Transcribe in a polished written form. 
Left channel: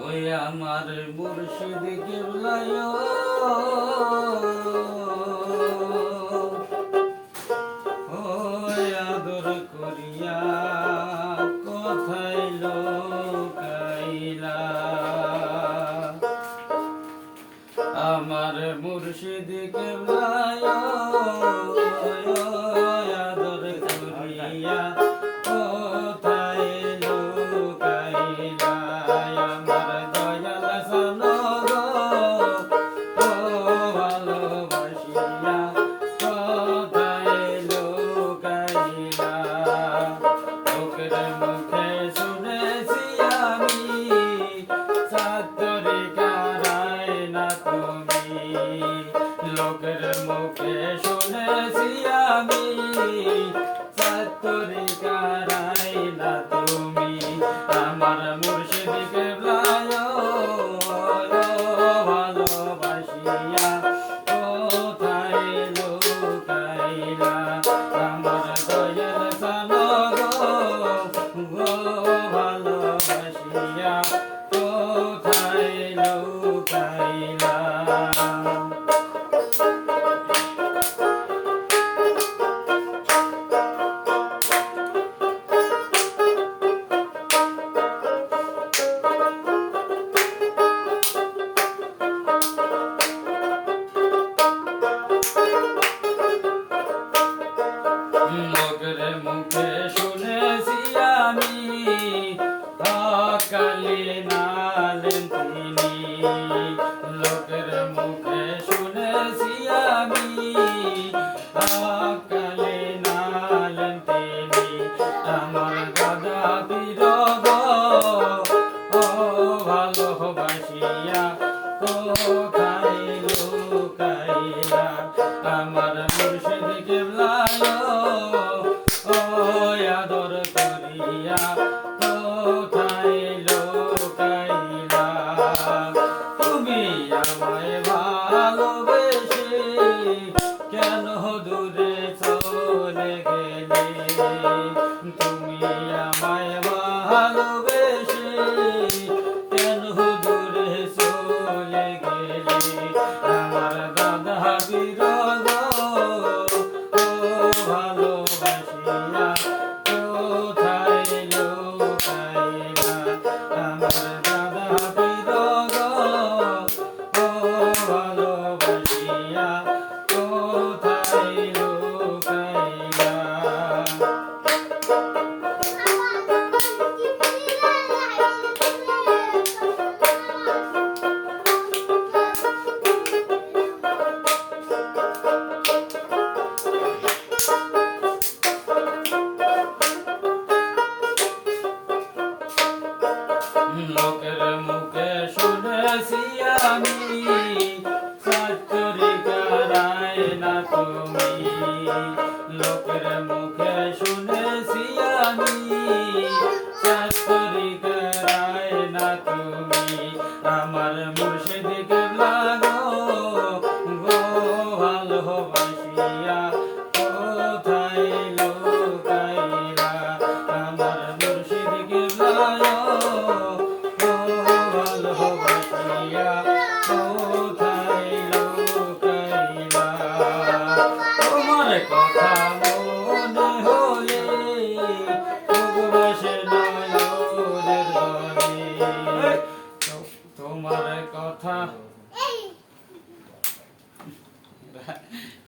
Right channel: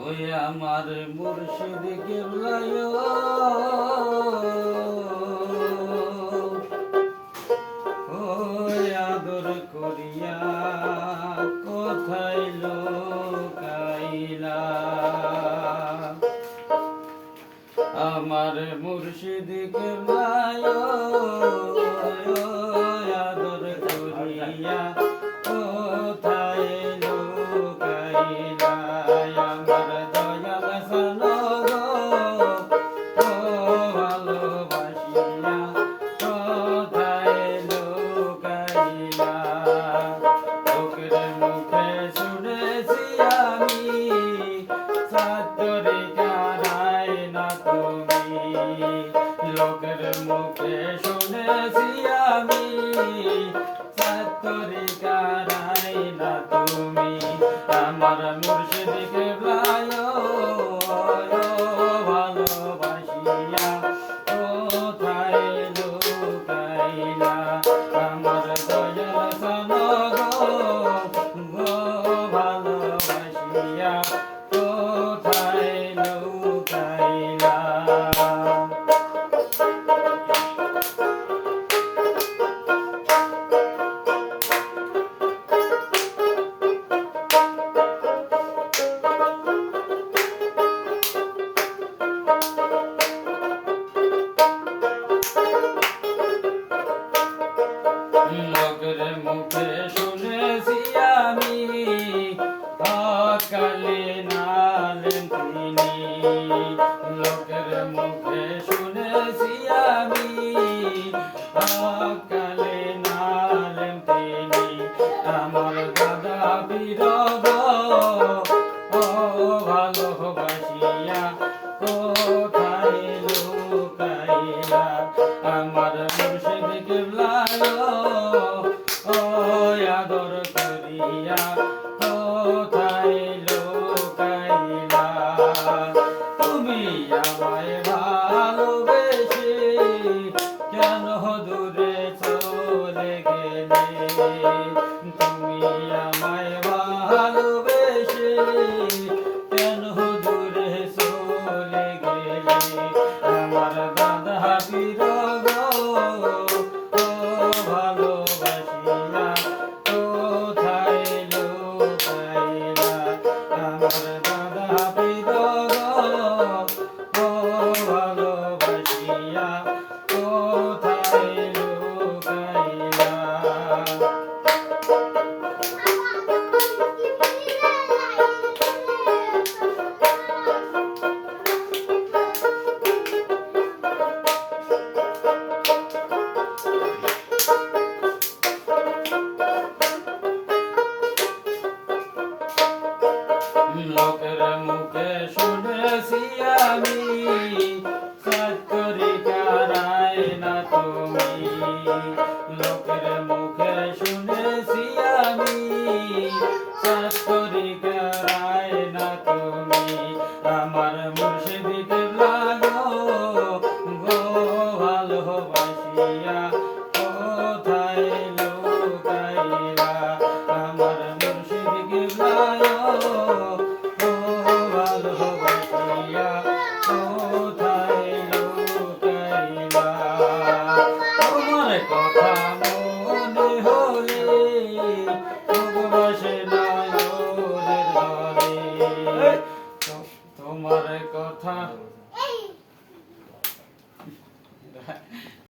ওই আমার মুর্শিদ কেবলায় ওই আদর করিয়া কোথায় লোকাইলা আমার মুর্শিদ কেবলায় আদর করিয়া কোথায় লোকাইলা আমার দয়াল সনগ ও ভালোবাসিয়া কোথায় লোকাইলা লোকের মুখে শুনেছি আমি সাতরে কারাই না তুমি লোকের মুখে শুনেছি আমি সাতরে কারাই না তুমি আমার মুর্শিদ কেবলায় ভালোবাসিয়া কোথায় লোকাইলা আমার দয়াল সনগ ভালোবাসিয়া কোথায় লোকাইলা লোকের মুখে শুনেছি আমি অকালে নালেন তিনি লোকের মুখে শুনেছি আমি অকালে নালেন তিনি আমার দাদা বিরহ ও ভালোবাসিয়া কোথায় লোকাইলা আমার মুর্শিদ কেবলায় আদর করিয়া কোথায় লোকাইলা তুমি আমায় ভালোবেসে কেন দূরে চলে গেলে তুমি আমায় ভালোবেসে কেন দূরে চলে গেলে আমার দাদা বিরহ ও ভালোবাসিয়া কোথায় লোকাইলা আমার দাদা বিরহ ও ভালোবাসিয়া কোথায় লোকাইলা লোকের মুখে শুনেছি আমি সাতরি কারাই না তুমি লোকের মুখে শুনেছি আমি সাতরি কারাই না তুমি আমার মুর্শিদ কেবলায় ভালোবাসিয়া কোথায় লোকাইলা আমার মুর্শিদ কেবলায় ভালোবাসিয়া কোথায় লোকাইলা তোমার কথা মনে হলে ভালোবাসে নয়নের জলে তোমার কথা